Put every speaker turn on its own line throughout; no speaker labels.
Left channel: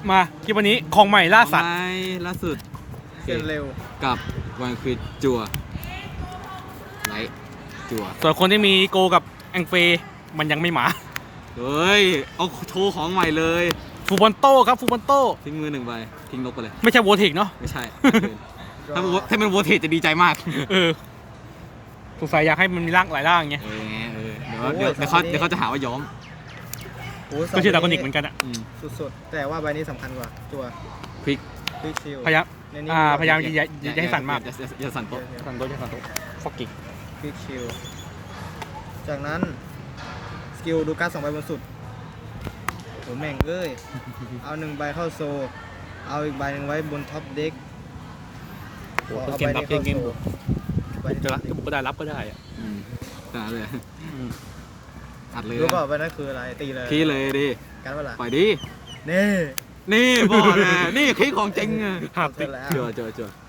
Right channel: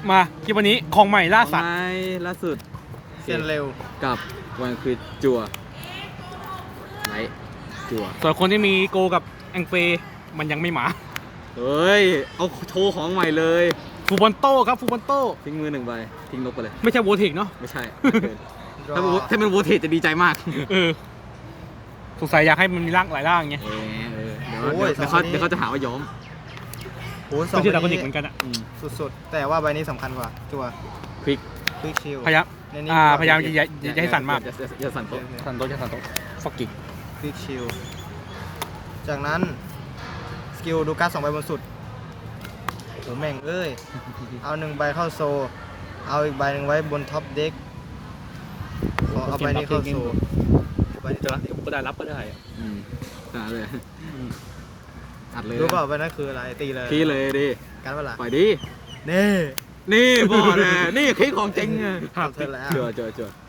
มาคลิปวันนี้ของใหม่ล่าสัตว์
ไม่ล่าสุด
เซียนเร็ว
กับวันคือจัวไลท์จัว
ส่วนคนที่มีโกกับแองเฟมันยังไม่มา
เฮ้ย เอาโทรของใหม่เลย
ฟูบอนโต้ครับฟูบอนโต้
ทิ้งมือหนึ่งใบทิ้งนกไปเลย
ไม่ใช่โวทิกเนาะ
ไม่ใช่ ถ้ามันโวเทจจะดีใจมาก
เออสงสัยอยากให้มันมีร่างหลายร่างไง
เดี๋ยวเขาจะหาว่าย้อม
โอ้ยสอ
ไม่
ง
ใช่ดราก้อนิกเหมือนกันอะ
สุดๆ แต่ว่าใบนี้สำคัญกว่าจัว
คลิก
คลิกชิล
พยายาม
ในนี้
พยายามอย่าให้สั่นมาก
อย่าสั่นโต๊ะ
สั่นโต๊ะอย่าสั่นโต๊ะฟอกกี้
คลิกชิลจากนั้นสกิลดูการ์ด2 ใบบนสุดโหแม่งเอ้ย เอา1 ใบเข้าโซ เอาอีกใบหนึ่งไว้บนท็อปเด็กเอาใบนี้เข้าโซใบนี้ท็อปเด็ก
ก็ได้รับก็ได้
หาเลยอัดเลย
รู้เปล่าใบนั้นคืออะไรตีเลย
ขี้เลยดิ
การ์ดเวลา
ปล่อยดิ
นี่
นี่บอกเลยนี่คลิกของจริง
ทำเสร็จแล้ว
เจอ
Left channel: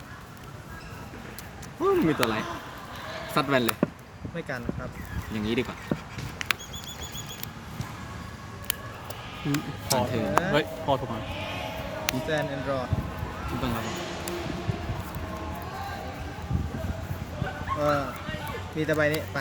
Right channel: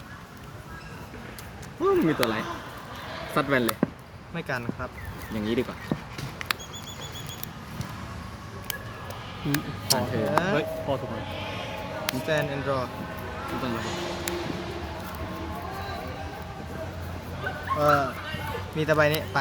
มีตัวอะไรซัดแวนเลย
ไม่กันครับ
อย่างนี้ดีกว่า
พอเฮ้ยพอถูกไหม
stand and draw
ทุกอย่างเลย
มีแต่ใบนี้ไป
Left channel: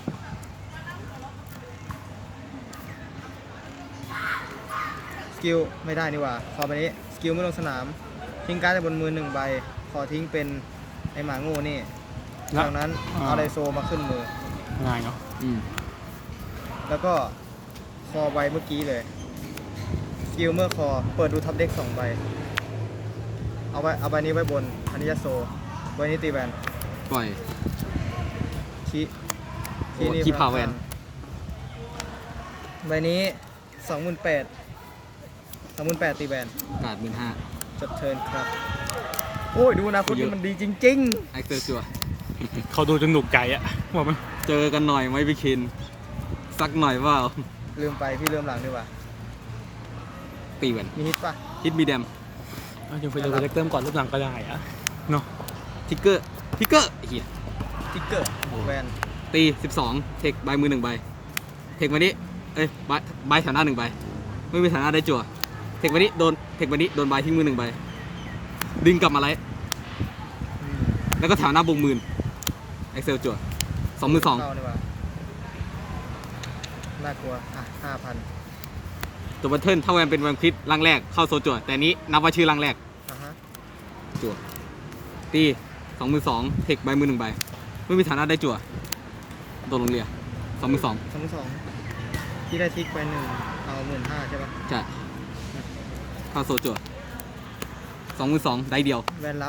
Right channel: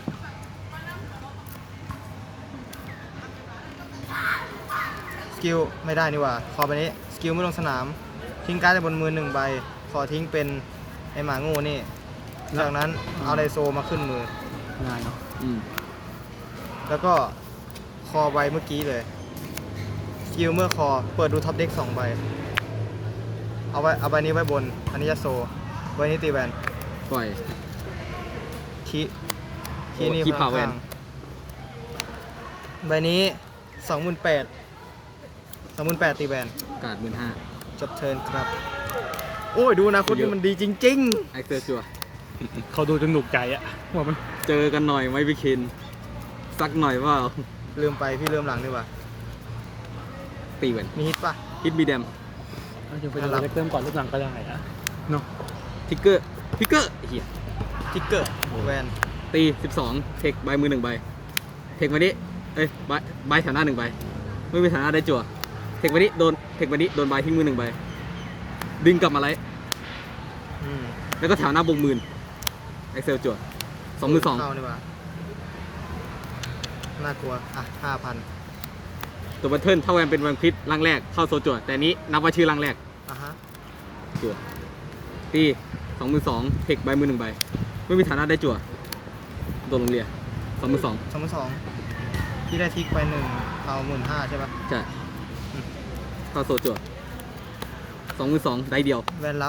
สกิลไม่ได้นี่หว่าขอใบนี้สกิลไม่ลงสนามทิ้งการ์ดจากบนมือ1 ใบขอทิ้งเป็นไอหมาโง่นี่จากนั้นเอาไดโซมาขึ้นมือ
ง่ายเนาะ
แล้วก็คอใบเมื่อกี้เลยสกิลเมื่อคอเปิดดูท็อปเด็ก2 ใบเอาใบนี้ไว้บนอันนี้จะโซใบนี้ตีแวน
ปล่อย
คีนี่
คีพาวเวน
ใบนี้ 28,000 ตีแวน
กาด15,000
จบเทิร์นครับ โอ้ย ดูนะคุณนี่มันดีจริง
ไอเซอร์จัว
เขาดูจนหนุกใจอะบอกมัน
เจอกันหน่อยไหมพี่คินสักหน่อยเปล่า
ๆ ลืมไปพี่เริ่มหลังดีกว่า
ตีแวน
มีฮิตปะ
ฮิตมีเดม
ยังไปดูเล็กเติมก่อนเริ่มหลังก็ได้อะเนาะ
ทิกเกอร์เฮีย
ทิกเกอร์แวน
ตี12เทคใบมือ1 ใบเทควันนี้ใบแถวหน้า1 ใบไม่มีแถวหน้าได้จั่วเทควันนี้โดนใบทิ้งมือ1 ใบดึงกลับมาไลท์
อืม
แล้วก็แถวหน้าบงหมื่นเอ็กเซลจั่ว22,000
เข้าดีกว่าน่ากลัว อ่ะ 5,000
ตัวบัตเทิลถ้าแวนเป็นวันคลิปร่างแรกเข้าโซจั่วแต่อันนี้นับว่าชื่อร่างแรก
อ่ะฮะ
จั่วตี22,000เทคใบมือ1 ใบไม่มีฐานะได้จั่วโดนลงเรีย22,000
2,200ที่ได้ทิกไป1เอา15,000ใช่ปะ
จะเข้าโซจั่ว22,000ได้เดียว
แวนรับ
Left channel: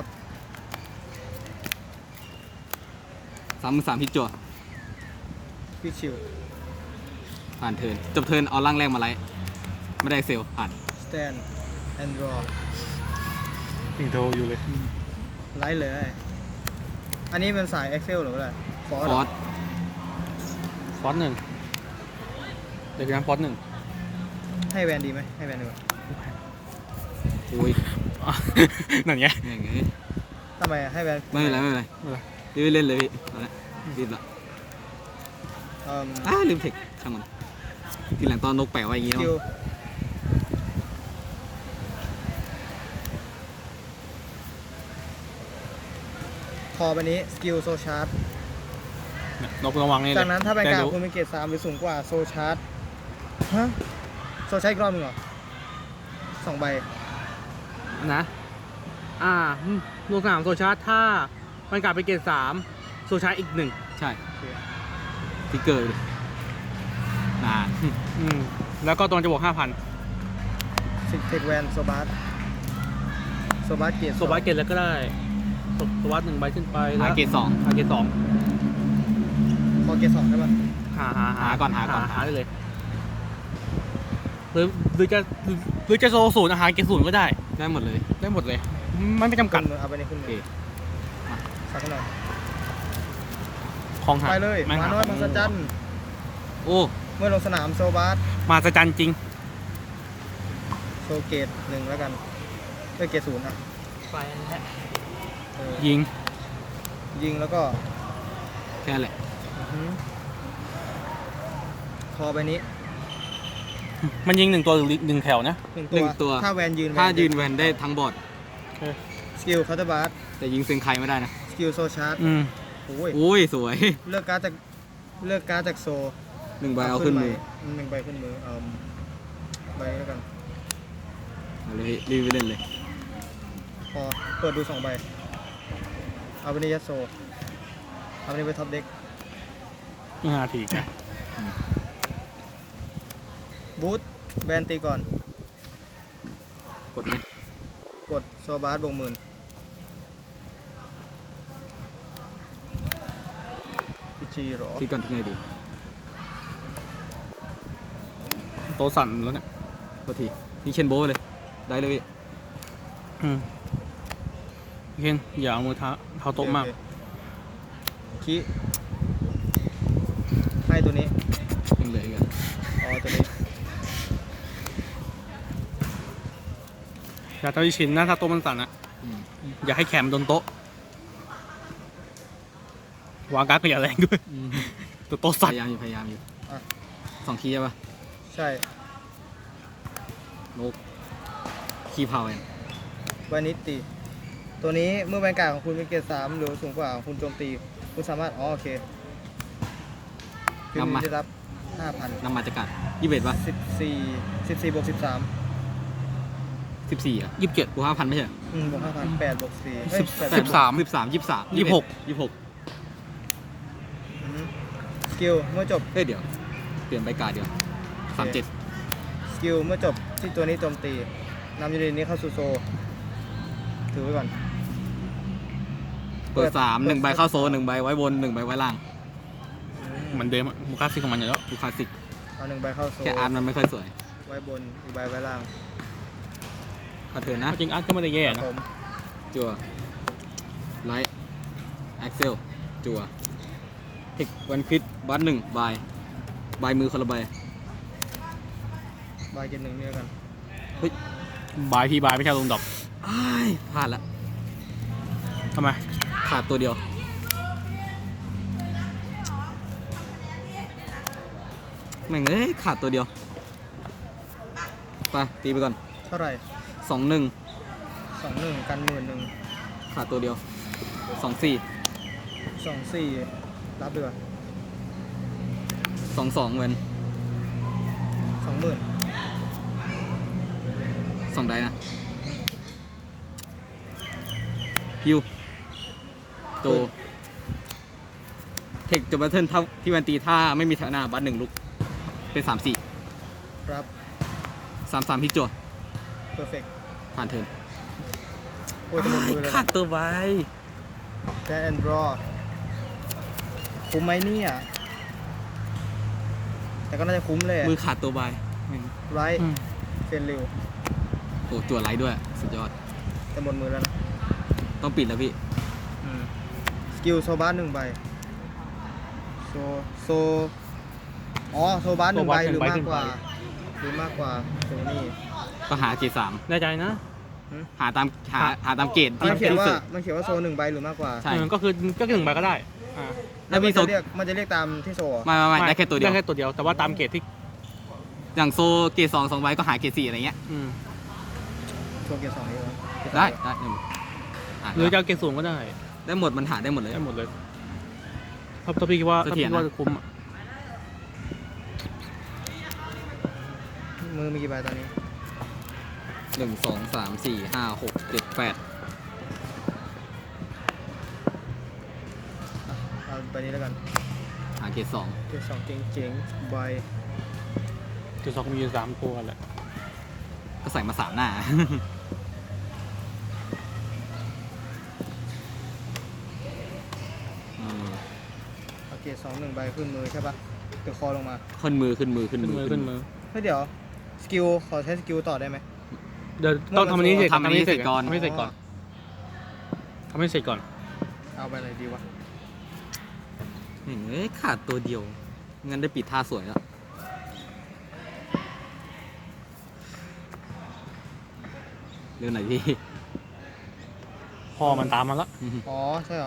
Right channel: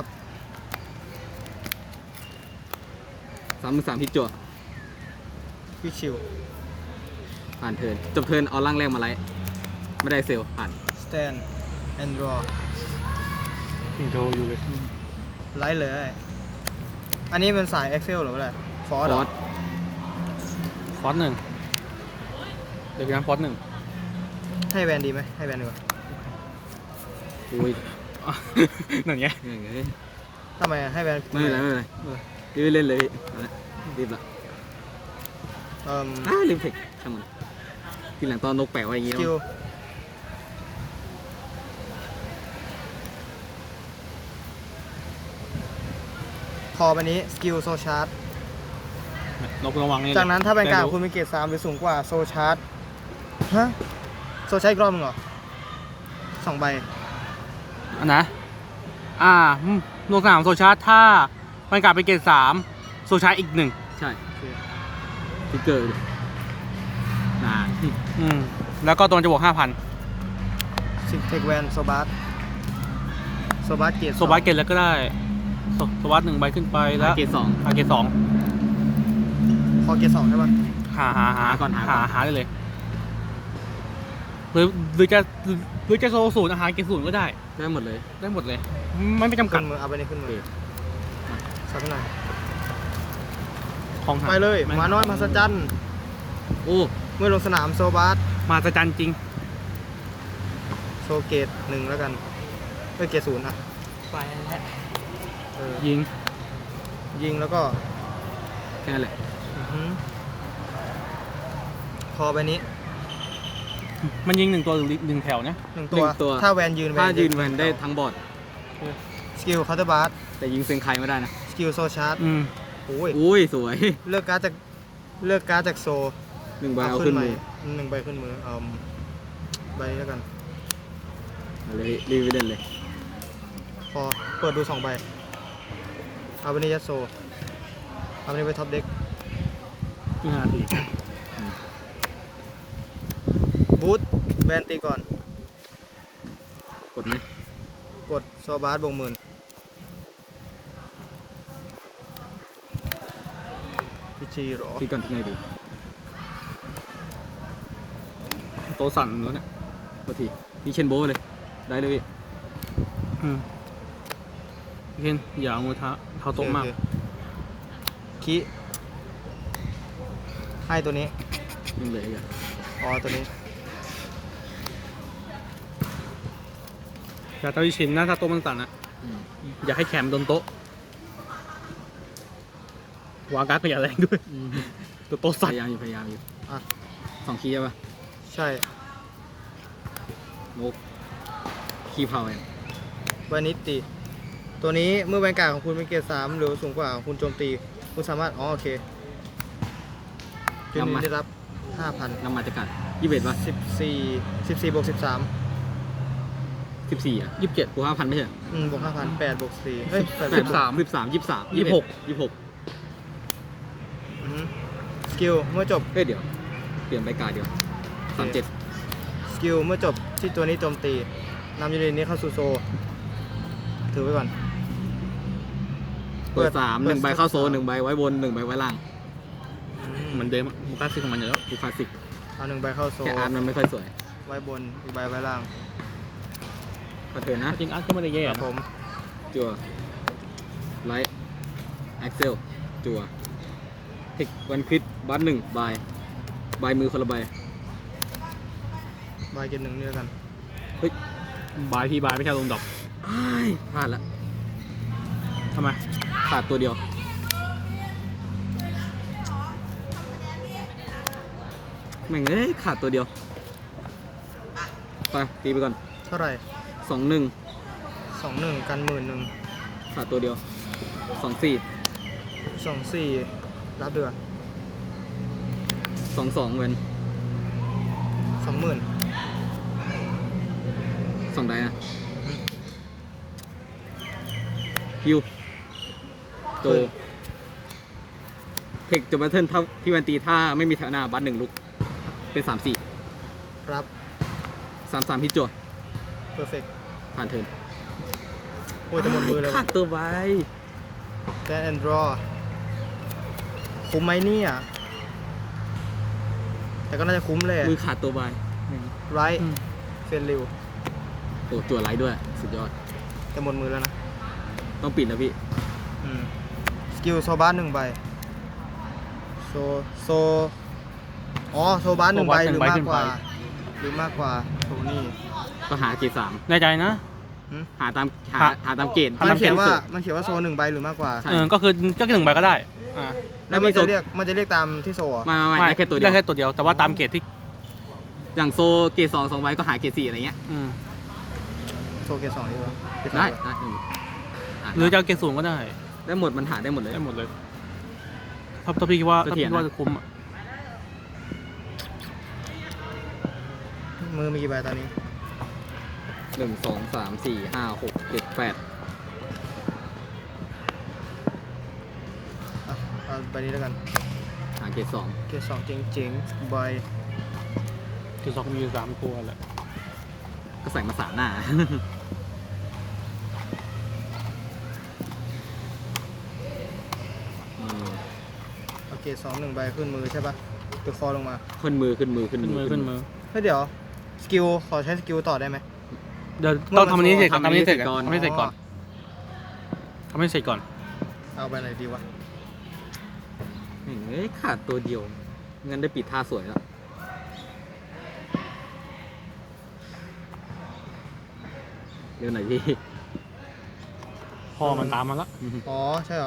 33,000พิจจั่ว
ควิกชิล
ผ่านเทิร์นจบเทิร์นเอาร่างแรกมาไลท์ไม่ได้เซลผ่าน
stand and draw
ยังโทรอยู่เลย
ไลท์เลย อันนี้เป็นสาย Excel หรืออะไรฟอ
ฟ
ร์
อ
ด
ส
ฟอสหนึ่งเดี๋ยวงั้นฟอสหนึ่ง
ให้แวนดีไหมให้แวนดีกว่า
โอ้ย
นั่นไง
แม่งเอ้ย
ทำไมให้แวน
ไม่เป็นไรรีบเล่นเลยพี่รีบละ ลืมเทคช่างมันทีหลังตอนนกแปะไว้อย่างงี้
สกิลพอไปนี้สกิลโซชาร์จ
นกระวังนี่เลย
จากนั้นถ้าเป็นการ
แต่รู้
คุณเป็นเกรด3หรือสูงกว่าโซชาร์จฮะโซชาร์จอีกรอบมึงเหรอ2 ใบ
อันนะโลกสนามโซชาร์จถ้ามันกลับไปเกรด3โซชาร์จอีกหนึ่ง
ใช่
โอเค
ทิกเกอร์มา
แล้วก็ตัวจะบวก 5,000
สิเทคแวนโซบาร์โซบาร์เกรด
โซบัสเกตแล้วก็ได้โซบัส1 ใบขึ้นไปแล้ว
เกรด2
เกรด2
พอเกรด2ใช่ปะ
หาได้เลยหรือจะโซศูนย์อาหารเกรดศูนย์ก็ได้
ได้หมดเลย
ได้หมดเลยไม่จำกั
ขึ้
ด
นมือเอาไปในขึ้นมือใส่กันหน่อย
ของหา
ไปเลยมาน้อยมาสจัน
โอ้
เมื่อลงสนามโซบาร์
มาสจันจริง
โชว์เกรด1แล้วกันเกรด0อ่ะไปนะฮะ
ยิง
ยิงแล้วก็
แค่นั้นแหละ
คอใบนี้
มันยิงหนึ่งตัวหรือหนึ่งแถวนะ
หนึ่ง
หนึ่งตัว
ถ้าแวนยืน
ถ้ายืนแวนได้ทั้งบอร์ด
สกิลเคาน์เตอร์บาร์
แต่ยิงเซงไคไม่ได้นะ
สกิลโซชาร์จ
อืม
โอ้ย
อุ้ยสวย
เลือกการ์ดจากโซ
หนึ่งใบเอาขึ้นมือ
หนึ่งใบขึ้นมือเอาใบนี้แล้วกัน
เอาเลยรีวิวเด่นเลย
พอเปิดดู2ใบเอาไปนี่ยัดโซเอาไปนี่ไปท็อปเด็ก
นี่นาที
บูทแบนตีก่อน
กดไหม
กดโซบาร์บวก10,000พิชีหรอ
ที่กันที่ไหนดี
โตะสั่นแล้วเนี่ย
กดทีพี่เชนโบว์เลย ได้เลยพี่
อืมพี่เคนอย่าเอามือเท้าโต๊ะมาก
โอเคคิให้ตัวนี้
ยังเหลืออีกอะ
อ๋อตัวนี้
อย่าเต้าอีชินนะถ้าโต๊ะมันสั่นอ่ะ
อืม
อย่าให้แขมโดนโต๊ะวางการ์ดก็อย่าแรงด้วย
อืม
ตัวโต๊ะ
พ
สั่น
ยายามอยู่พยายามอยู่
อ่ะ
2 คีย์ใช่ปะ
ใช่
โนกคีย์พาวเอง
ใบนี้ตี ตัวนี้เมื่อแวนการ์ดของคุณเป็นเกรด3หรือสูงกว่าของคุณโจมตีคุณสามารถอ๋อโอเคจุดนี้ได้รับ 5,000
นำมาจากกัด21ปะ
14บวก13
14อ่ะ
27
บวก5,000ไม่ใช่
บวก5,000 8บวก4เฮ้ย8
13
26
สกิลเมื่อจบ
เฮ้ยเดี๋ยว เปลี่ยนใบการ์ดเดี๋ยว
โอเค
37
สกิลเมื่อจบที่ตัวนี้โจมตีนำยูนิตนี้เข้าสู่โซถือไว้ก่อน
เปิด3 1ใบเข้าโซน1ใบไว้บน1ใบไว้ล่าง
เหมือนเดิมอะมูคาซิของมันอยู่แล้ว
คือคลาสสิก
เอา1ใบเข้าโซ
แค่อาร์ตมันไม่ค่อยสวย
ไว้บนอีกใบไว้ล่าง
ถ้าเกิดนะ
จริงอาร์ตก็ไม่ได้แย่
ครับ
นะ
ผม
จัวไลท์แอ็กเซลจัวเทควันควิดบัตหนึ่งบายมือคนละใบ
ใบเก็บ1นี่แล้วกัน
บายทีบายไม่ใช่ลงดอก
อ้ายพลาดละ
ทำไม
ขาดตัวเดียวแม่งเอ้ยขาดตัวเดียวไปตีไปก่อน
เท่าไหร่
2-1
21กัน11,000
ขาดตัวเดียว2-4
24รับเดือน
2-2เว้น
20,000
2ได้นะยูโตเทคจะบัตเทิลเท่าที่วันตีถ้าไม่มีแถวหน้าบัตหนึ่งลุกเป็น3-4
รับ
3-3ที่จั่ว
เพอร์เฟกต์
ผ่านเทิร์น
โอ้ยจะหมดมือเลย
ขา
ว่ะ
ดตัวไว้
แกนแอนดรอคุ้มไหมเนี่ยแต่ก็น่าจะคุ้มเลย
มือขาดตัวไว้
ไร
อืม
เฟนริว
โอ้จั่วไลท์ด้วย สุดยอด
แต่หมดมือแล้วนะ
ต้องปิดแล้วพี่
สกิลโซบาร์1ใบโซอ๋อโซบาร์1ใบหรือมากกว่าหรือมากกว่าโซนี่
ก็หาเกรด3
แน่ใจนะ
หาตามเกรด
ทำ
มัน
เกร
เขีย
ด
นว่าโซ1ใบหรือมากกว่า
ใช่
ก็คือก็หนึ่งใบก็ได้อ่า
แล้วมันจะเรียกตามที่โซอ่ะ
ไม่ได้แค่ตัวเดียว
ได้แค่ตัวเดียว แต่ว่าตามเกรดที่
อย่างโซเกรด2 2ใบก็หาเกรด4อะไรเงี้ย
อืม
โซเกต2นี่
ได้
หรือจะเอาเกรดสูงก็ได้
ได้หมดมันหาได้หมดเลย
ได้หมดเลยถ้าพี่คิดว่า
เสถียร
ถ้าพี่คิดว่าจะคุ้มอ่ะ
มือมีกี่ใบตอนนี้
1 2 3 4 5 6 7 8
เอาใบนี้แล้วกัน
หาเกรด2
เกต2เจ๋งๆใบ
เกรดสองมีอยู่3ตัวแหละ
ก็ใส่มา3 หน้า
เอาเกต2 1ใบขึ้นมือใช่ปะตัวคอลงมา
ขึ้นมือ
ขึ้นมือ
เฮ้ยเดี๋ยวสกิลขอใช้สกิลต่อได้ไหม
เดี๋ยวต้องทำอันนี้เสร็จก่อน
ทำอันนี้เสร็จก่อน
ทำให้เสร็จก่อนทำให้เสร็จก่อน
เอาไปไหนดีวะ
เฮ้ยขาดตัวเดียวงั้นได้ปิดท่าสวยแล้วเรื่องไหนพี่
พอมันตามมาแล้ว
อ๋อใช่เหรอ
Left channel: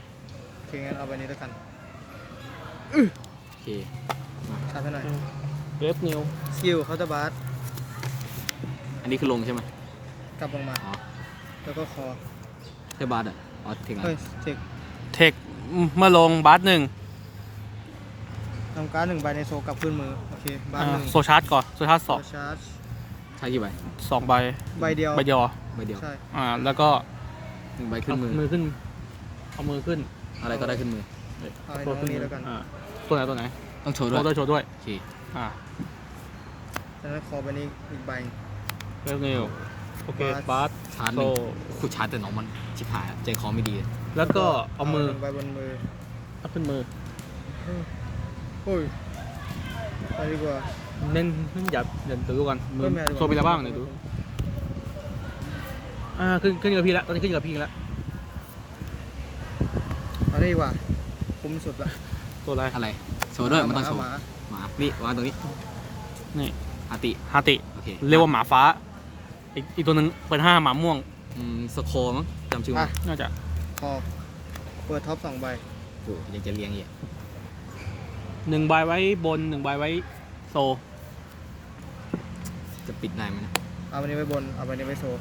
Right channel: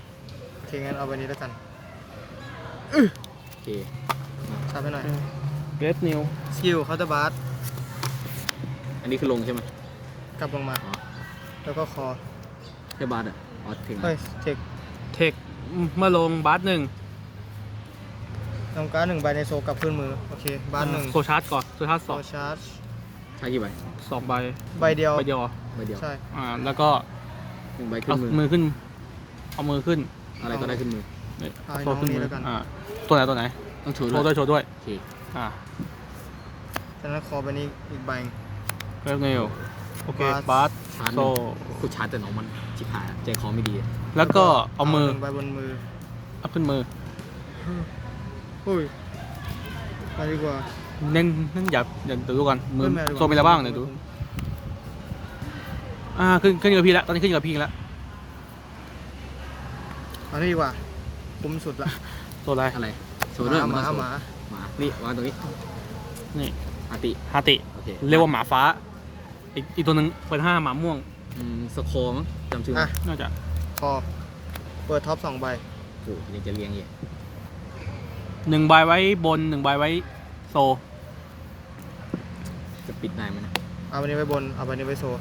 โอเคงั้นเอาใบนี้แล้วกัน
โอเค
ซับให้หน่อย
เวฟนิว
สกิลเคาน์เตอร์บาร์
อันนี้คือลงใช่ไหม
กลับลงมา
อ๋อ
แล้วก็คอ
ใช่บาร์ดอ่ะเอาถึง
เฮ้ยเทค
เทคเมื่อลงบาสหนึ่ง
ทำการ์ด1 ใบในโซกลับขึ้นมือ โอเค บาร์1
โซชาร์จก่อนโซชาร์จ
โซ
สอง
ชาร์จ
ใช้กี่ใบ
2 ใบ
ใบเดียว
ใบเดียว
ใบเดียว
ใช่
แล้วก็
1 ใบขึ้
เอา
นมือ
มือขึ้นเอามือขึ้น
อะไรก็ได้ขึ้นมือ
เอาไอ้น้องนี้แล้วกัน
ตัวไหนตัวไหน
ต้องโชว์
โช
ด้
ว์
วย
ด้วยโชว์ด้วย
โอเค
จากนั้นคอใบนี้อีกใบ
เวฟนิวโอเคบาส
ชาร์จห
โซ
นึ่งกูชาร์จแต่น้องมันชิบหายอะใจคอไม่ดีอะ
แล้วก็เอามือ
1 ใบบนมือ
เอาขึ้นมือ
อุ้ยไปดีกว่า
เน้นอย่าดูก่อนมือ
ไม่เป็นไร
โซมีอะไรบ้างเนี่ยดูขึ้นกับพี่แล้วตอนนี้ขึ้นกับพี่แล้ว
อันนี้ดีกว่าคุ้มสุดละ
โซอะไร
อะไรโชว์ด้วย
ห
มัน
มา
ต้องโชว์
หมา
หมานี่วางตรงนี้
นี่
อาติ
ฮาติ
โอเค
เรียกว่าหมาฟ้าอีกตัวหนึ่งเปิด5หมาม่วง
สโคร์มั้งจำชื่อไม่
อ่ะ
ได้
น่าจะ
คอเปิดท็อป2 ใบ
โอ้ยังจะเลี้ยงอีก
1 ใบไว้บน 1 ใบไว้โซ
จะปิดได้ไหมนะ
เอาใบนี้ไว้บน เอาใบนี้ไว้โซ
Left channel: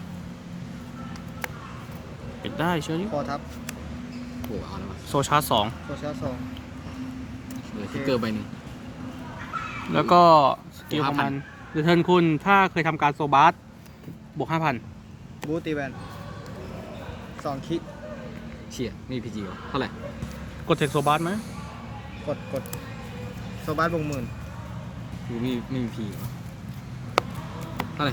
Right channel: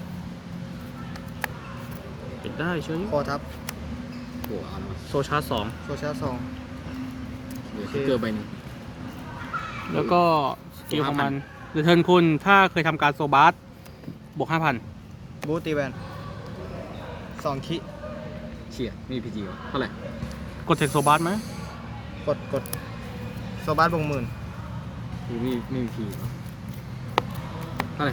ปิดได้เชื่อดิ
คอทับ
โอ้เอามา
โซชาร์จ
โซชาร์จ
เหลือคิกเกอร์ใบหนึง
2แล้วก็สกิลของมันเดเทิร์นคุณถ้าเคยทำการโซบาร์บวก 5,000
บูตีแวน2 คิ
เชี่ยไม่มีพีจีเท่าไหร่
กดเทคโซบาร์ไหม
กดโซบาร์บวก10,000
คือไม่มีพีเท่าไหร่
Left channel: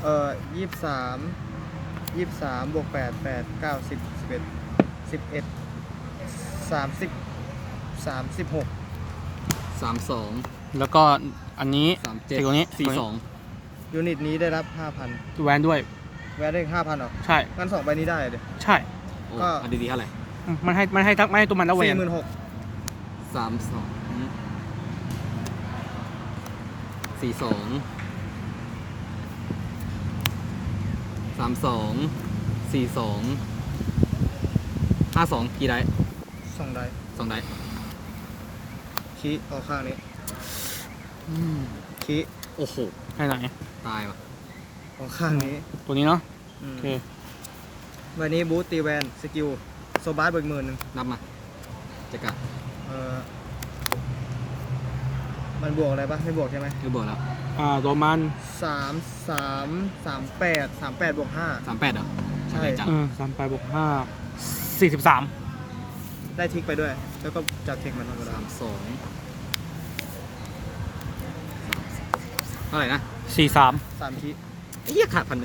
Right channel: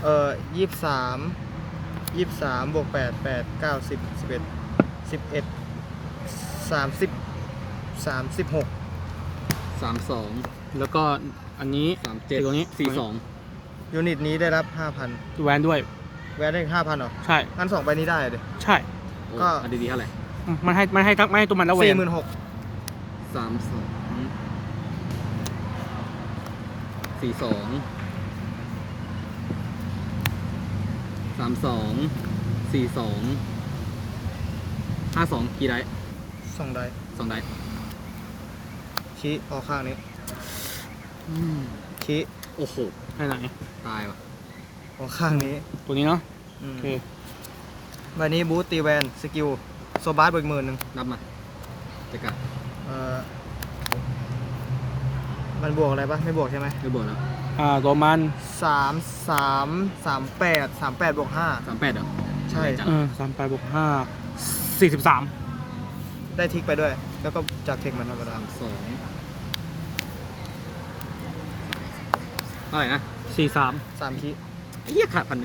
23บวก8 8 9 10 11 36
32
แล้วก็อันนี้
37
เทคตรงนี้
42
ยูนิตนี้ได้รับ
แวนด้วย
5,000 แวนได้อีก 5,000หรอ
ใช่
งั้น2 ใบนี้ได้เลย
ใช่
ก็
อันดีๆเท่าไหร่
มันให้ทั้งไม่ให้ตัวมันแล้วแวน
46,000
52กี่ได้
2 ได้
2ได้
คิออกข้างนี้คิ
โอ้โห
ให้ไหน
ตายว่ะ
ออกข้างนี้
ตัวนี้เนาะ
อืม
โอเค
ใบนี้บูตีแวนสกิลโซบาร์บวก10,000
นับมาจะกลับ
มันบวกอะไรปะไม่บวกใช่ไหม
ไม่บวกแล้ว
ตัวมัน
38บวก
38เหรอ
5ใช่
38บวก5 43
ได้ทิกไปด้วย แล้วก็จากเทคมันธรรมดา
เท่าไหร่นะ
43
3 คิ
เฮียขาด1,000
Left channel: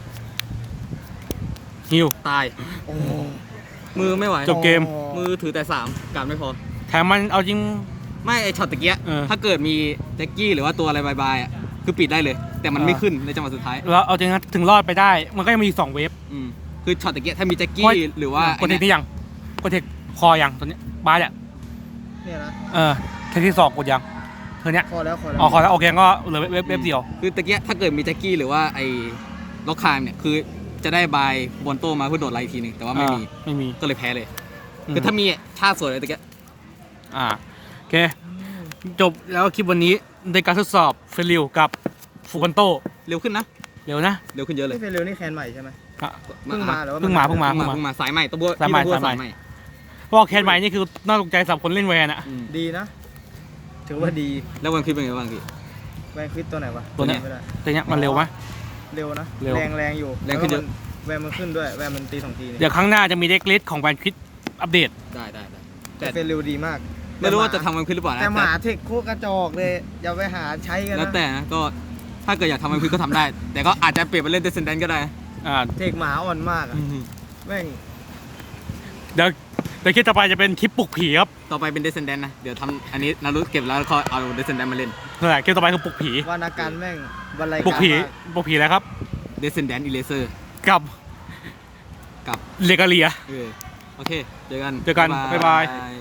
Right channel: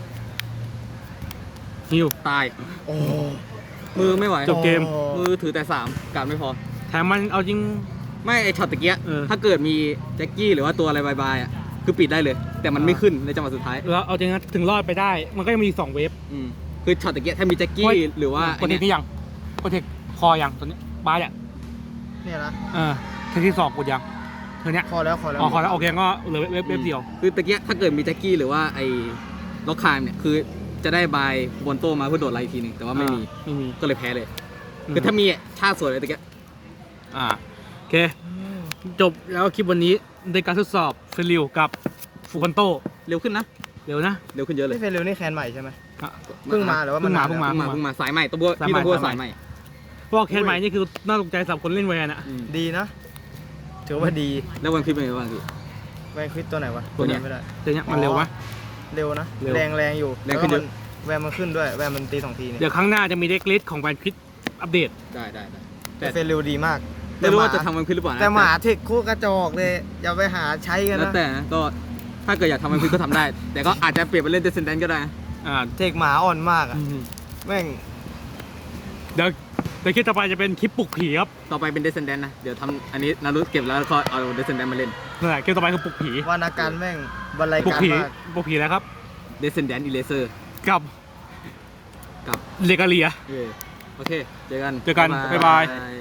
ฮิว
ตาย
โอ้
มือไม่ไหว
จบเกม
มือถือแต่3การไม่พอ
แถมมันเอาจริง
ไม่ไอช็อตตะเกีย
เออ
ถ้าเกิดมีแจ็คกี้หรือว่าตัวอะไรบายๆอ่ะคือปิดได้เลย แต่มันไม่ขึ้นในจังหวะสุดท้าย
แล้วเอาจริงนะถึงรอดไปได้ มันก็ยังมีอีก2 เวฟ
คือช็อตตะเกียถ้ามีแจ็คกี้หรือว่าก
ดเทคที่ยังกดเทคคอยังตัวนี้บาสอ่ะ
เนี่ยนะ
เทคที่2กดยังเธอเนี้ย
คอแล้ว
อ๋อคอแล้วโอเคก็เหลือเวฟเดียว
คือตะเกียถ้าเกิดมีแจ็คกี้หรือว่าไอ้ล็อกคางเนี่ยคือจะได้บายบนโต้มาเพื่อโดดไล่ทีนึงแต่ว่าไม่มี
ไม่มี
ก็เลยแพ้เลย คือถ้ามีท่าสวยเลยตะเกีย
โอเค จบแล้วคลิปวันนี้ในการทดสอบเฟลิวกับฟูกันโต
เร็วขึ้นนะ
เร็วนะ
เร็วขึ้นเยอะเลย
นี่เฟรนเร็วนี่แคนใหม่ใช่ไหม
อ่ะ
เพิ่งมาหรือว่า
เพิ่งมา
เพิ่งมา
เพิ่งมาสายใหม่ตัวบัว
สายใหม่
ที่ตัวบัว
สา
สาย ย
ให
ให
ม่
ม่
เพราะว่าแคนใหม่นี่คือน่าตกใจสำหรับคนเล่นแวนอ่ะ
ดีนะ ถือว่าดี
แล้ววันคลิปเป็นไงบ้างพี่
แวนควิดตัวไหนวะ
ตัวเนี้ย
ไม่ได้
แต่เนี้ยมันเร็วปะ
เร็วนะ
เร็ว
แรงอยู่
แรงขึ้นเยอะ
แวนมันขึ้นด้วย แวนมันตี2 ทีเนี่ย
เดี๋ยวครั้งหน้าจะมีเด็กลิสของแวนคิดอัปเดต
ได้
แต่เฟรนเร็วดีมาก
ไม่รู้ว่าจะทำวันคลิปหรือเปล่านะ
แต่หมาเทคโคตรกระจอกเลย อย่าไปหาใช้กัน
แล้ว
นะ
แต่นะก็ถ้าเกิดอยากทำวันคลิปก็ทำได้ แต่ก็อาจจะเปลี่ยนไปเล่นเดซเซนแดนก็ได้นะ
เทคหมาอ่อนมากอะแม่ง
เดี๋ยวคลิปต่อไปจะเป็นคลิปปลุกผีครับ
ต่อไปเป็นเดซเซนแดนนะเดี๋ยวทำอันนี้นารุเก็บแล้วก็เอาเดซเซนแดนมาเล่น
นั่นแหละคลิปต่อไปคือปลุกผี
วรรณการแม่งบรรลัย
ปลุก
การ
ผี
มาก
ปลุกผีแล้วครับ
เดซเซนแดนอีเลเซอร์
กับ
กับ
เลกาเลีย
โอเคเจอกัน
เจอกันบ๊ายบาย
บ๊าย